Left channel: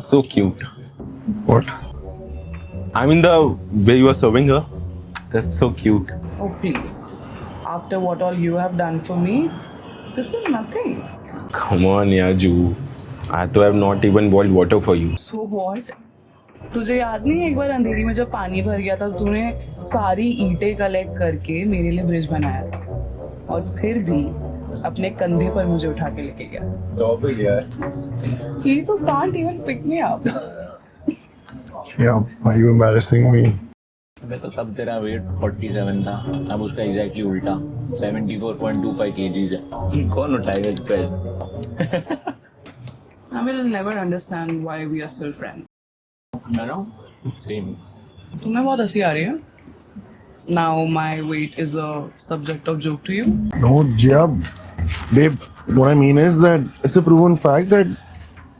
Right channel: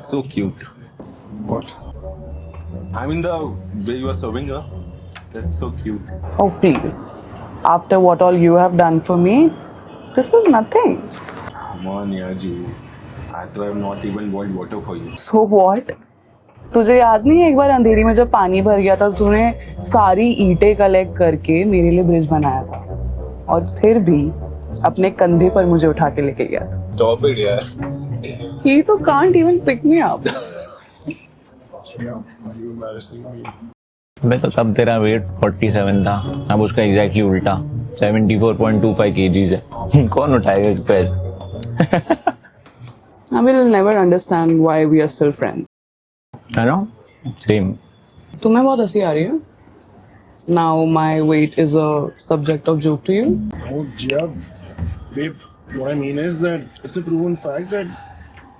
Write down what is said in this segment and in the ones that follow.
So cute. What? I mean the way you are serving her. That's so cute. Oh, please. After what all you have done for me, this is nothing. Come on, yaar, Ju. I have not even boiled water for you. So what? तुझे याद नहीं है एक बार अंधेरी में जब पानी भर गया था तूने सारी ईंटें कलेक्ट करके मेरे लिए ब्रिज बनाया था और फिर भी अपने कंधे पर मुझे उठा के लेके गया था. Stop it, यार. He तो can't even pick me up. Yeah, why are you embarrassing me? मैं तो तब तेरा वेट 47 था, अब उसका एग्जैक्टली उल्टा 74.25 kgs है. कौन उठाएगा इस press? I will never understand why we are still friends. I know, same. तुम्हें बहुत हंसी आ रही है. Now my weight is a subject of joke to you. No, yeah, babe. What I mean is that it's a proven fact that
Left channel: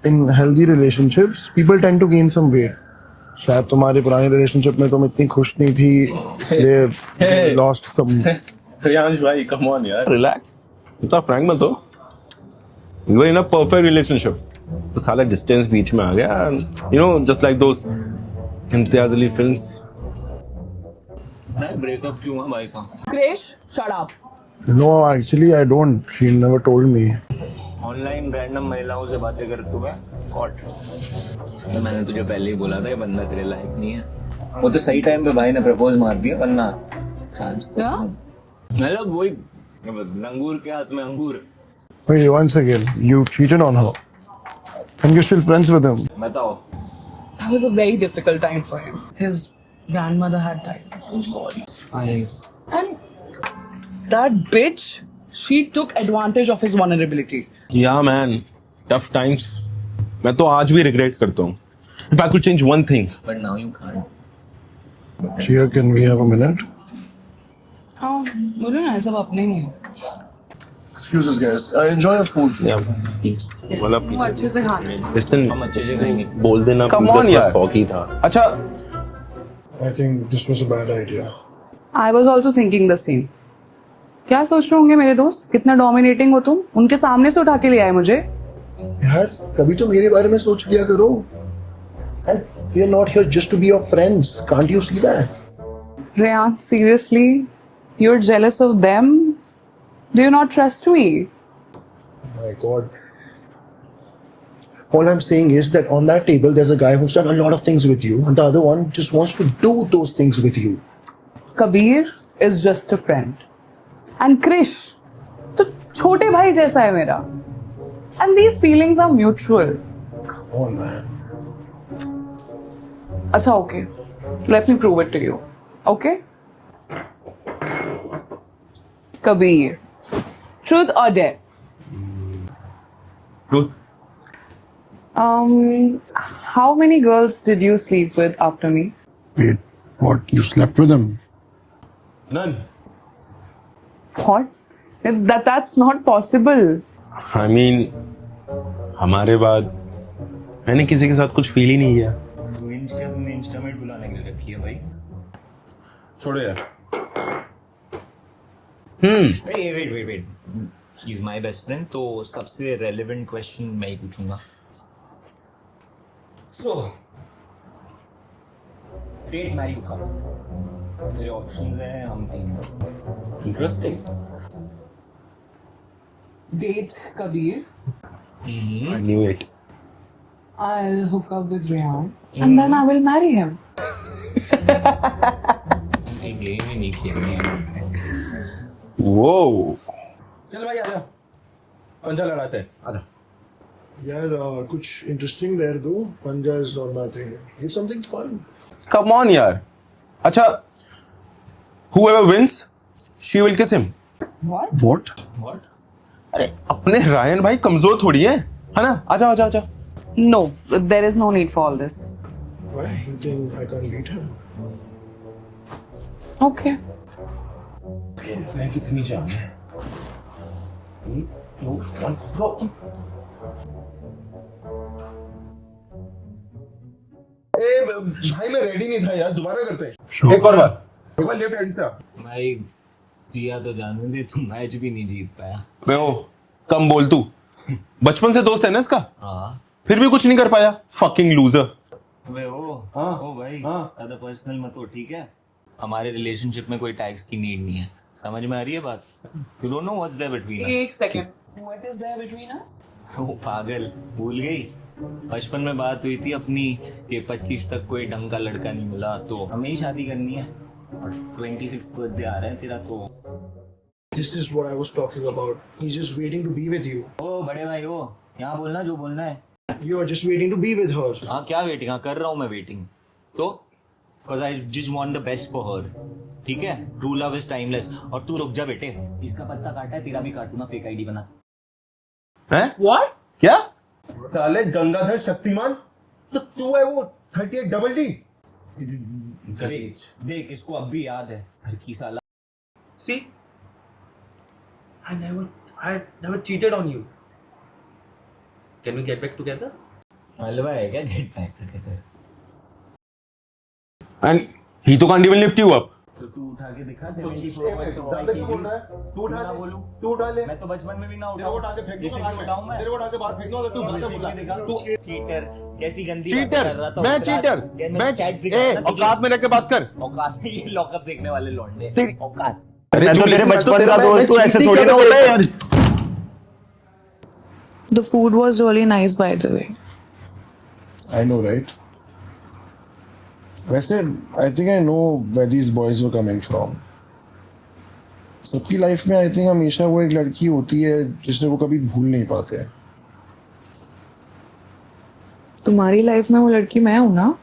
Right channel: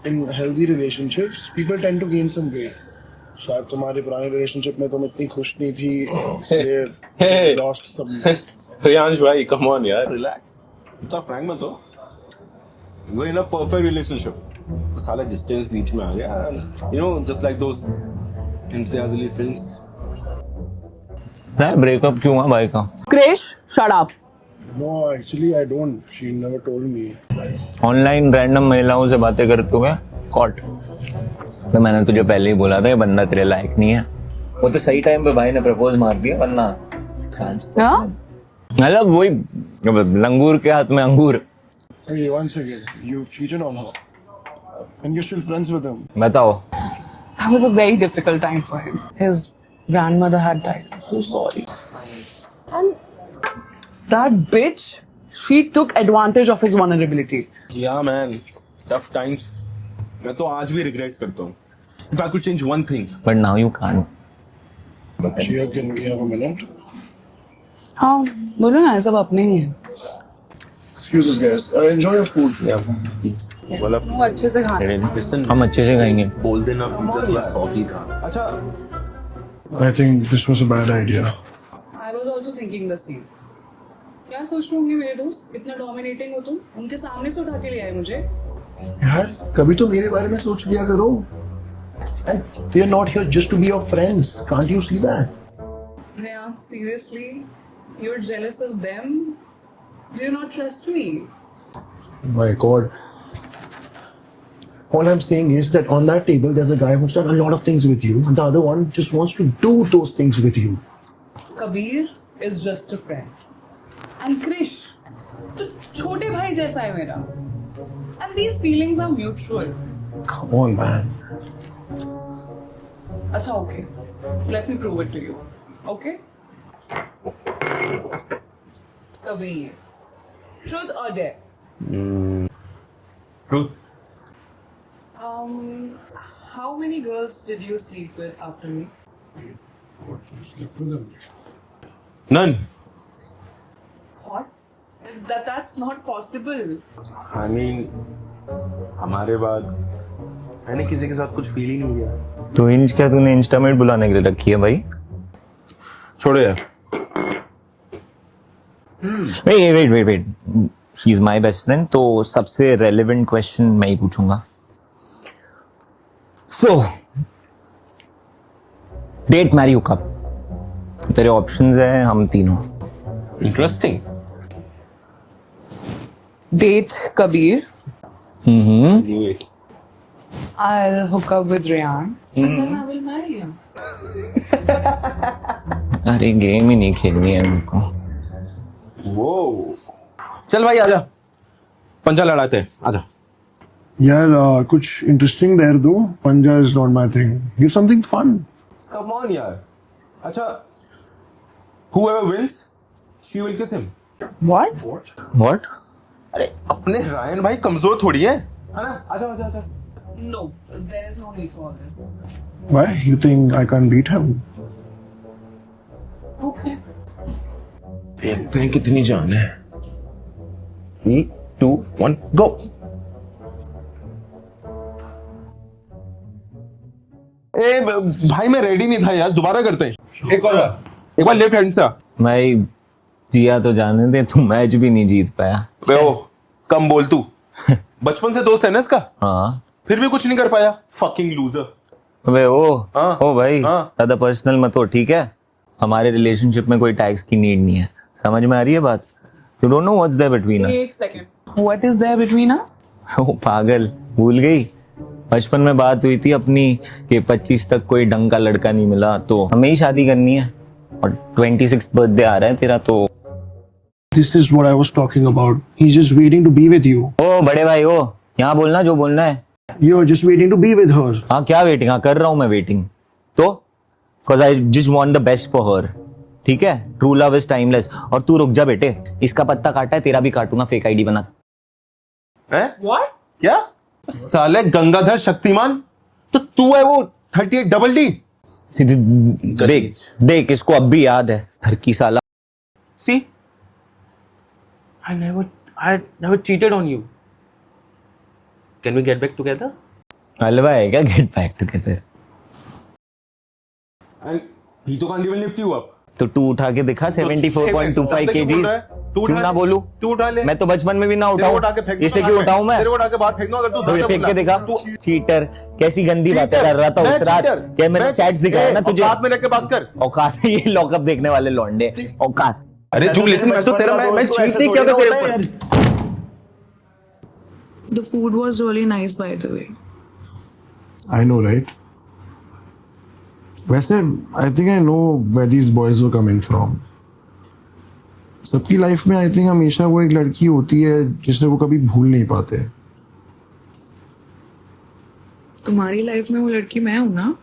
in healthy relationships, people tend to gain some weight. शायद तुम्हारे पुराने relationship में तुम इतनी खुश नहीं थी, इसलिए lost some. Riyansh bhai, come on, yaar. Relax. इतना frank मत हो. You were in a perfect relationship. तो साला distance बीच में आ गया. You know, just like those Imtiaz Ali films. Breakup क्यों हुआ भाई का? Krish, shut up. No, actually, I don't. She never told me. Online random महिलाओं से बातें करते हुए कॉट. तो मैंने तुझे पहले ही बोला था ये बंदा तेरे लायक नहीं है. वो तो सही टाइम पे भाई ने प्रपोज मार दिया, वरना हाँ? मतलब वही लंगूर के हाथ में अंगूर. Wait, once again, you cheated on her, and you're still friends with him. बताओ. That was a very difficult time for him. His grandmother had died. I'm so sorry. And that bitch, she took advantage of his vulnerability. Yeah, man. Tough times. मैं तो आज भी regret करता हूँ. If I could change one thing. But now you can't. Chia, can we have a minute? हाँ, बोलो ना, ये सब अपने ही हैं. Excuse us, guys. Enjoy your food. Yeah. वाला वो अच्छे से खाना. Listen, हम अच्छे से खाएंगे. बोल देना Come पिज्जा on, थोड़ा यार. सौगी था. अच्छा. I think this was a bad idea. I was also thinking the same. क्या सोच रहे होंगे मेरे दोस्त? कितना डोमिनेटिंग हो तुम? उनके सामने से उठा के ले आए मुझे. यार, कभी तो मेरे बारे में सोच लिया करो. And they are not here just to be your friends. Can't you see that? Rehan, seriously? You're jealous of them? Do you not trust me? My God. All I'm saying is that on that table, there's a guy who's done a lot of things with you, and the other one just wants to do those things with you. Kabir is just a friend. And Krish, तो छोटे भाई जैसा है मेरा. And these feelings are mutual. Come on, man. अच्छा, okay. Let me prove it to you. Okay? Kabir, truth or dare? Truth. How many girls did you sleep with after me? Wait, what? You slept with him? None. What? That's not possible. I mean, हमारे बाद मैंने किसी के साथ कुछ feel ही नहीं किया. तो इंच क्या तूने इंस्टामेट बुलाने के लिए रखी है भाई? छोड़ो यार. Wait. She is my best friend, तो सबसे रेलेवेंट क्वेश्चन मैं ही पूछूंगा. सो डेट मैरी हुकअप, तेरे ऑप्शंस हैं हम तीनों. Interesting. Date Kabir. I knew it. I'll hook up with Rehan and then I will marry him. अरे गेम ही नहीं खेलनी है उनको. Whoa. चल भाई आजा. पंजा लड़ाते हैं. आजा. यार, कुछ interesting dare दो. Panja is not my thing. Give something fun. Come on यार. अच्छा. Whoever wins, she will kiss him. What? What? What? अरे अपने रायन भाई कमजोर थोड़ी है ना? आजा आजा आजा. No, there is no need for all this. Why? You think I can't beat him? Okay. देखते हैं कितनी जान है. 3, 2, 1, go. ए भाई मैं रेडी नहीं था यार. दोबारा करते हैं. एक और बार. एक बार लेफ्ट हैंड से. भाई जिया तो जाने दे, तू मैच भी नहीं जीत पाया. बे ओ कम बोल तू. बचपन से दोस्त है ना इसका. हाँ फिर भी कुछ नहीं कर पाया, फकिंग लूजर। अबे हाँ, ओ भाई हाँ। ज्यादा पर्सनल मत हो, ठीक है? हमारे रिलेशनशिप में कोई टैक्स की नीड नहीं है, समझ में आ रही है बात? You don't know what's there between us. एक second, what is there between us? ओ पागल, भूल गई? बचपन में बात हुई थी अपनी कि 25 तक कोई ढंग का लड़का नहीं मिला तो हमें ही शादी करनी है, और 26th बर्थडे आ रहा है तेरा तो। This is what I was talking about. He's just waiting to be with you. ओ बड़े भाई ओ, यहाँ बोलना जो बोलना है। You're just waiting to be with her. हाँ क्या वेटिंग? हाँ कर रहा हूँ मैं वेटिंग तो, cause I just want the best for her, ठीक है? True love is timeless. और तू रुक जा बेटे, इसका पत्ता काटा है, तेरा भी काटूंगा फेक आईडी बना। है व्हाट? क्या साले गंगाधर शक्तिमान? तो तू है वो 38 डबल डी? देख देख, इसको अब भी याद है, घर की साला। See, I never cheated on you. Can we get back together? हलवा है क्या get back together? And he तो can't even lift you up. तो तू उठा के दिखा 74.25 kg। क्यों ना बोलू? तू उठा ले। मैं तो बचपन में भी ना तेरे को उठा के उठाऊं, फेंक दूं इसे बाहर क्यों में। उठाऊं मैं? तेरे को उठा के बाहर फेंक दूं अगर तू तो ज्यादा फेंक के बोला। दिखा। तू- चीटर, कैसी गंदी बातें Cheater, कर रहा था मैं उस रात। cheater, क्या मैंने मैं चैट्स दिखाया ना तुझे? औकात में लेके बात कर। औकात है ये लॉकअप देखने वाले लौंडे, औकात। अरे मैं जो तो तेरे listen, बचपन तो तेरा का मैं दोस्त हूँ, cheat ऐसे नहीं थोड़ी किया ना था होता है तेरे यार। The food was really nice, by the way. I know, right? वैसे I think I know where these boys were coming from. सबकी लाइफ में आई थिंक हमेशा वो एक लड़की होती है जिसने वो कभी भूल नहीं पाते हैं। तुम्हारी लाइफ में वो लड़की मैं हूं ना?